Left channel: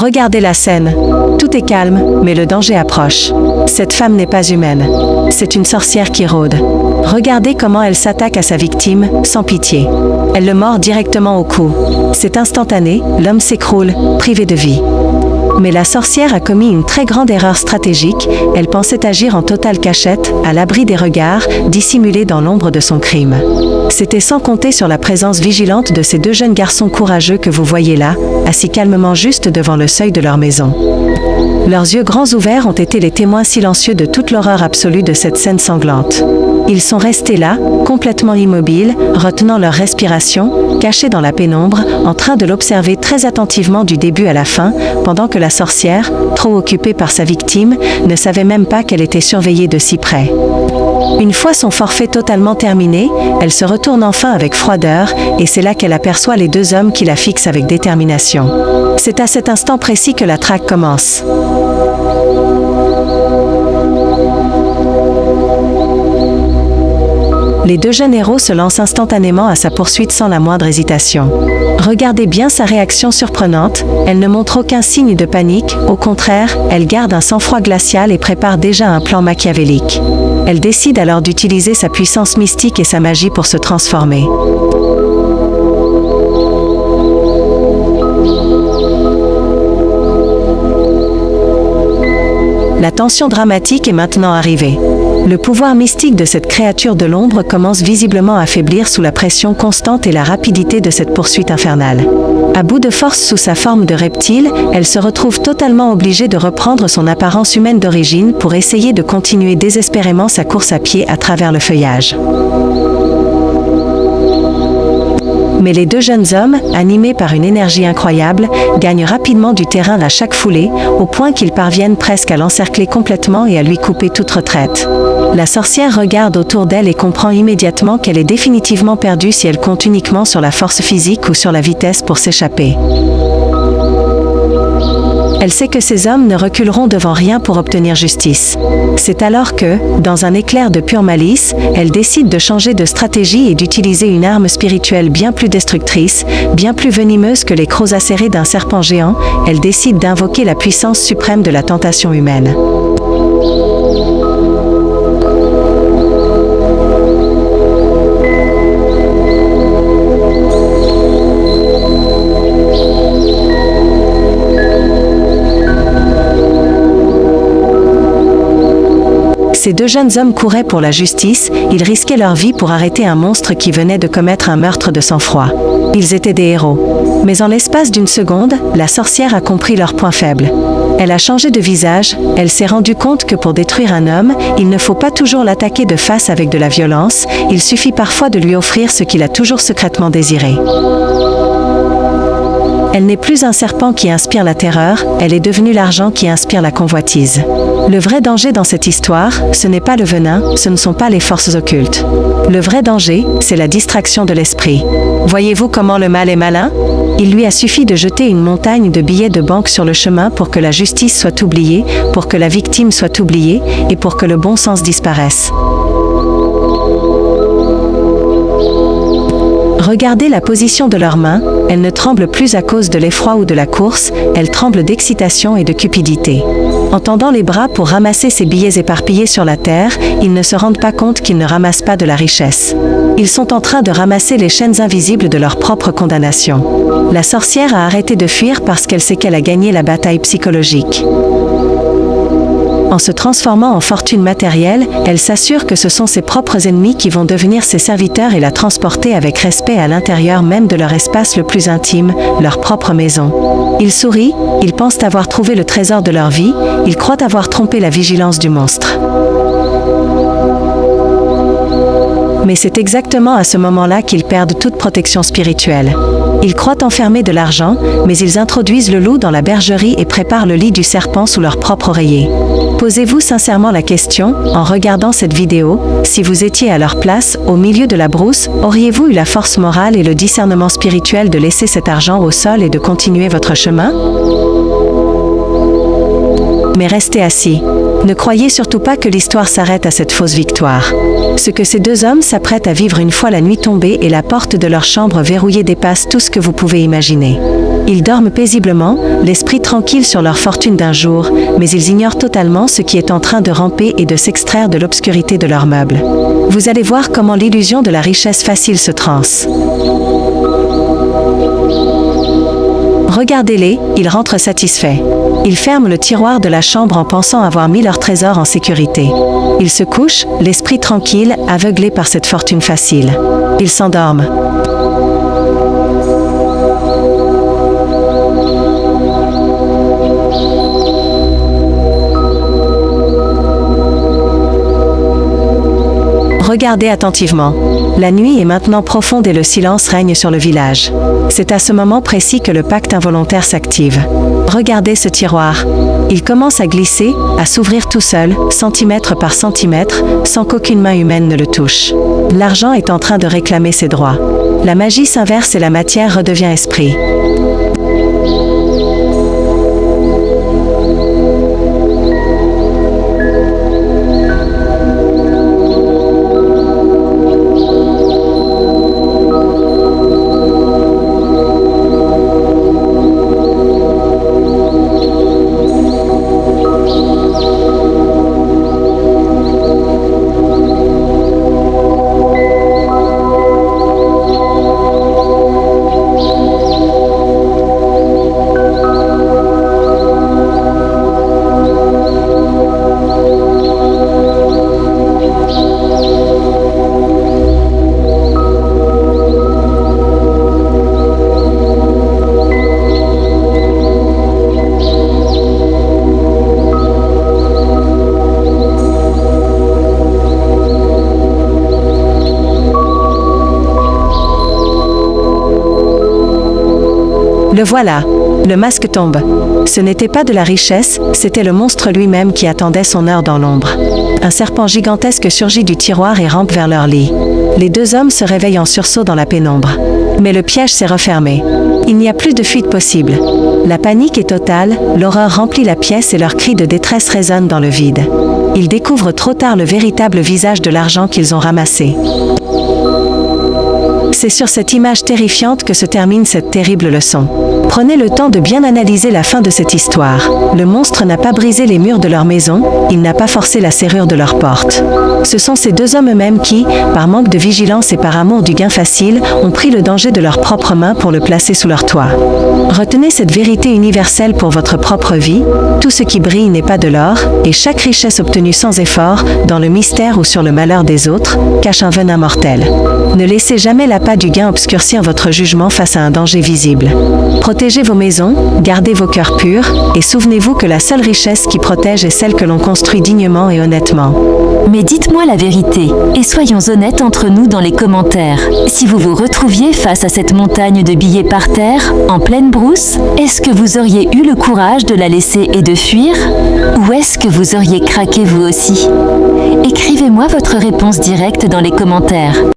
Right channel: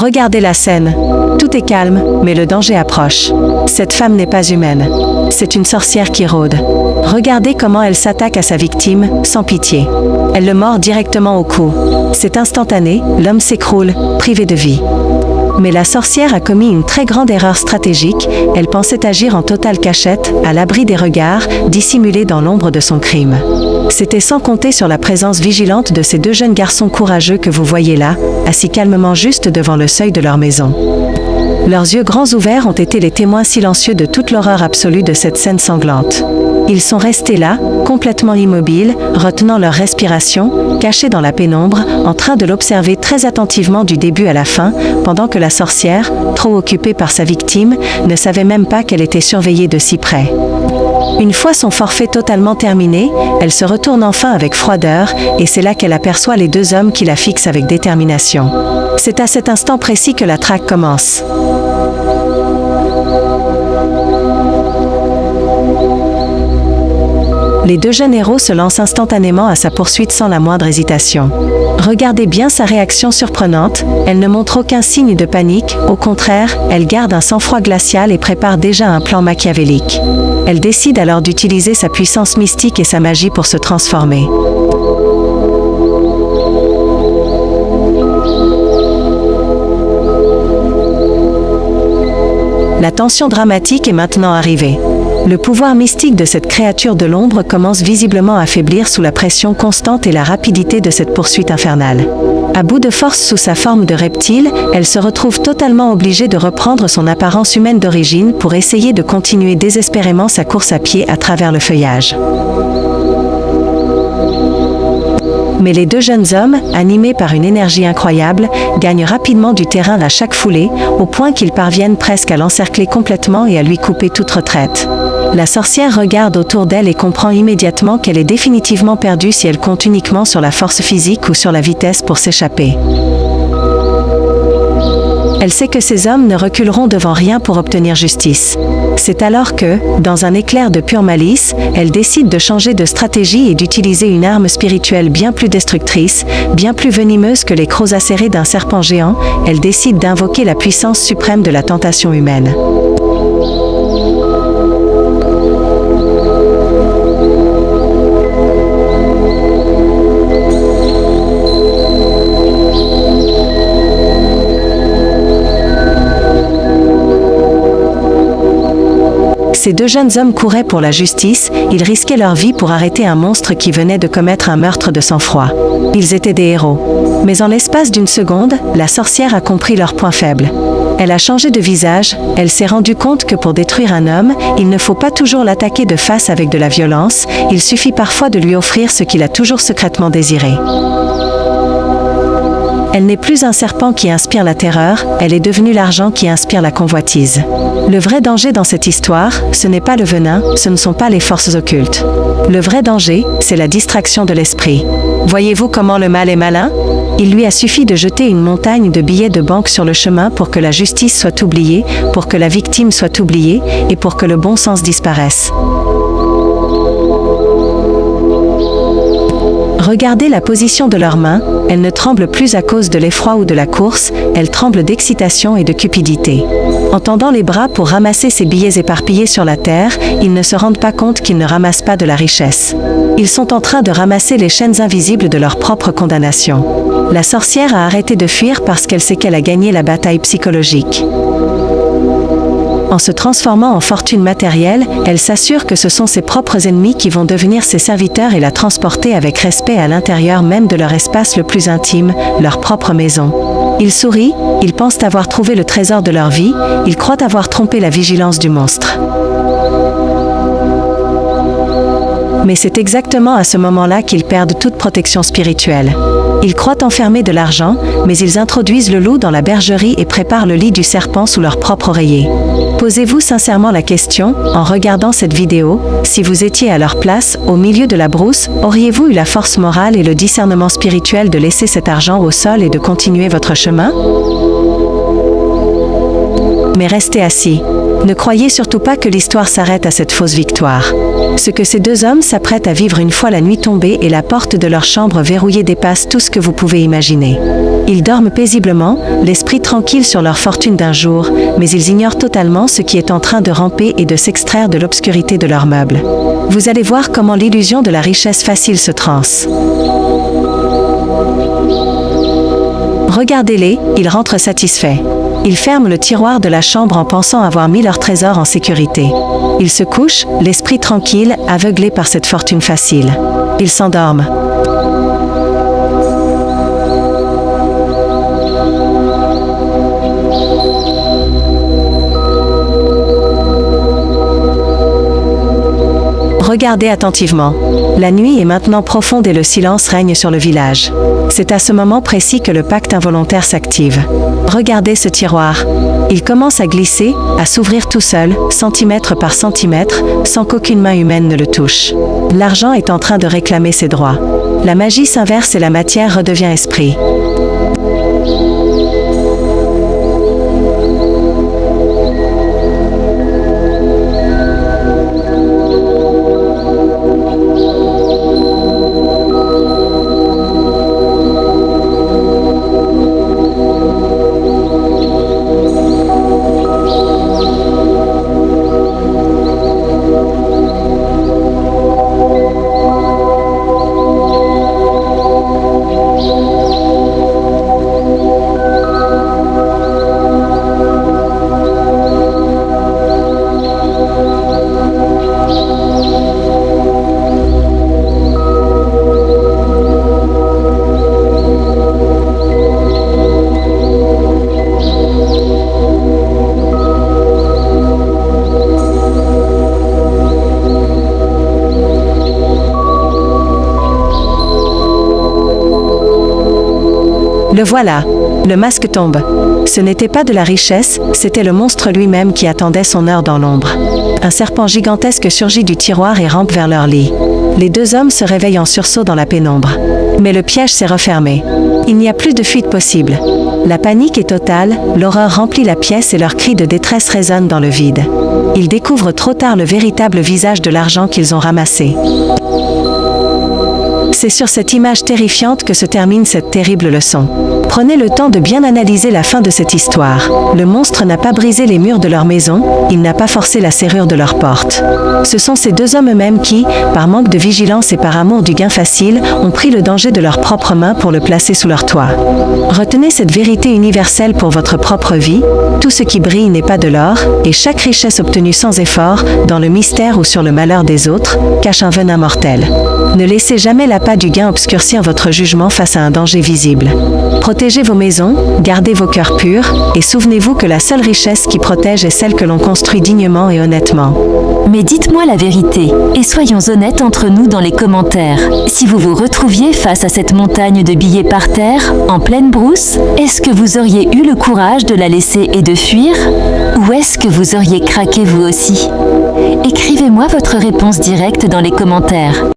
Regardez la scène. Tout est calme, mais le danger approche. Cette femme n'est pas humaine. C'est une sorcière qui rôde. Regardez comment elle s'attaque à sa victime, sans pitié. Elle le mord directement au cou. C'est instantané, l'homme s'écroule, privé de vie. Mais la sorcière a commis une très grande erreur stratégique. Elle pensait agir en totale cachette, à l'abri des regards, dissimulée dans l'ombre de son crime. C'était sans compter sur la présence vigilante de ces deux jeunes garçons courageux que vous voyez là, assis calmement juste devant le seuil de leur maison. Leurs yeux grands ouverts ont été les témoins silencieux de toute l'horreur absolue de cette scène sanglante. Ils sont restés là, complètement immobiles, retenant leur respiration, cachés dans la pénombre, en train de l'observer très attentivement du début à la fin, pendant que la sorcière, trop occupée par sa victime, ne savait même pas qu'elle était surveillée de si près. Une fois son forfait totalement terminé, elle se retourne enfin avec froideur, et c'est là qu'elle aperçoit les deux hommes qui la fixent avec détermination. C'est à cet instant précis que la traque commence. Les deux jeunes héros se lancent instantanément à sa poursuite sans la moindre hésitation. Regardez bien sa réaction surprenante, elle ne montre aucun signe de panique, au contraire, elle garde un sang-froid glacial et prépare déjà un plan machiavélique. Elle décide alors d'utiliser sa puissance mystique et sa magie pour se transformer. La tension dramatique est maintenant arrivée. Le pouvoir mystique de cette créature de l'ombre commence visiblement à faiblir sous la pression constante et la rapidité de cette poursuite infernale. À bout de force sous sa forme de reptile, elle se retrouve totalement obligée de reprendre son apparence humaine d'origine pour essayer de continuer désespérément sa course à pied à travers le feuillage. Mais les deux jeunes hommes, animés par une énergie incroyable, gagnent rapidement du terrain à chaque foulée, au point qu'ils parviennent presque à l'encercler complètement et à lui couper toute retraite. La sorcière regarde autour d'elle et comprend immédiatement qu'elle est définitivement perdue si elle compte uniquement sur la force physique ou sur la vitesse pour s'échapper. Elle sait que ces hommes ne reculeront devant rien pour obtenir justice. C'est alors que, dans un éclair de pure malice, elle décide de changer de stratégie et d'utiliser une arme spirituelle bien plus destructrice, bien plus venimeuse que les crocs acérés d'un serpent géant. Elle décide d'invoquer la puissance suprême de la tentation humaine. Ces deux jeunes hommes couraient pour la justice, ils risquaient leur vie pour arrêter un monstre qui venait de commettre un meurtre de sang-froid. Ils étaient des héros. Mais en l'espace d'une seconde, la sorcière a compris leur point faible. Elle a changé de visage, elle s'est rendue compte que pour détruire un homme, il ne faut pas toujours l'attaquer de face avec de la violence, il suffit parfois de lui offrir ce qu'il a toujours secrètement désiré. Elle n'est plus un serpent qui inspire la terreur, elle est devenue l'argent qui inspire la convoitise. Le vrai danger dans cette histoire, ce n'est pas le venin, ce ne sont pas les forces occultes. Le vrai danger, c'est la distraction de l'esprit. Voyez-vous comment le mal est malin ? Il lui a suffi de jeter une montagne de billets de banque sur le chemin pour que la justice soit oubliée, pour que la victime soit oubliée, et pour que le bon sens disparaisse. Regardez la position de leurs mains, elles ne tremblent plus à cause de l'effroi ou de la course, elles tremblent d'excitation et de cupidité. En tendant les bras pour ramasser ces billets éparpillés sur la terre, ils ne se rendent pas compte qu'ils ne ramassent pas de la richesse. Ils sont en train de ramasser les chaînes invisibles de leur propre condamnation. La sorcière a arrêté de fuir parce qu'elle sait qu'elle a gagné la bataille psychologique. En se transformant en fortune matérielle, elle s'assure que ce sont ses propres ennemis qui vont devenir ses serviteurs et la transporter avec respect à l'intérieur même de leur espace le plus intime, leur propre maison. Ils sourient, ils pensent avoir trouvé le trésor de leur vie, ils croient avoir trompé la vigilance du monstre. Mais c'est exactement à ce moment-là qu'ils perdent toute protection spirituelle. Ils croient enfermer de l'argent, mais ils introduisent le loup dans la bergerie et préparent le lit du serpent sous leur propre oreiller. Posez-vous sincèrement la question, en regardant cette vidéo, si vous étiez à leur place, au milieu de la brousse, auriez-vous eu la force morale et le discernement spirituel de laisser cet argent au sol et de continuer votre chemin ? Mais restez assis. Ne croyez surtout pas que l'histoire s'arrête à cette fausse victoire. Ce que ces deux hommes s'apprêtent à vivre une fois la nuit tombée et la porte de leur chambre verrouillée dépasse tout ce que vous pouvez imaginer. Ils dorment paisiblement, l'esprit tranquille sur leur fortune d'un jour, mais ils ignorent totalement ce qui est en train de ramper et de s'extraire de l'obscurité de leurs meubles. Vous allez voir comment l'illusion de la richesse facile se transe. Regardez-les, ils rentrent satisfaits. Ils ferment le tiroir de la chambre en pensant avoir mis leur trésor en sécurité. Ils se couchent, l'esprit tranquille, aveuglés par cette fortune facile. Ils s'endorment. Regardez attentivement. La nuit est maintenant profonde et le silence règne sur le village. C'est à ce moment précis que le pacte involontaire s'active. Regardez ce tiroir. Il commence à glisser, à s'ouvrir tout seul, centimètre par centimètre, sans qu'aucune main humaine ne le touche. L'argent est en train de réclamer ses droits. La magie s'inverse et la matière redevient esprit. Le voilà. Le masque tombe. Ce n'était pas de la richesse, c'était le monstre lui-même qui attendait son heure dans l'ombre. Un serpent gigantesque surgit du tiroir et rampe vers leur lit. Les deux hommes se réveillent en sursaut dans la pénombre. Mais le piège s'est refermé. Il n'y a plus de fuite possible. La panique est totale, l'horreur remplit la pièce et leurs cris de détresse résonnent dans le vide. Ils découvrent trop tard le véritable visage de l'argent qu'ils ont ramassé. C'est sur cette image terrifiante que se termine cette terrible leçon. Prenez le temps de bien analyser la fin de cette histoire. Le monstre n'a pas brisé les murs de leur maison, il n'a pas forcé la serrure de leur porte. Ce sont ces deux hommes eux-mêmes qui, par manque de vigilance et par amour du gain facile, ont pris le danger de leurs propres mains pour le placer sous leur toit. Retenez cette vérité universelle pour votre propre vie. Tout ce qui brille n'est pas de l'or, et chaque richesse obtenue sans effort, dans le mystère ou sur le malheur des autres, cache un venin mortel. Ne laissez jamais l'appât du gain obscurcir votre jugement face à un danger visible. Protégez vos maisons, gardez vos cœurs purs, et souvenez-vous que la seule richesse qui protège est celle que l'on construit dignement et honnêtement. Mais dites-moi la vérité, et soyons honnêtes entre nous dans les commentaires. Si vous vous retrouviez face à cette montagne de billets par terre, en pleine brousse, est-ce que vous auriez eu le courage de la laisser et de fuir? Ou est-ce que vous auriez craqué vous aussi? Écrivez-moi votre réponse directe dans les commentaires.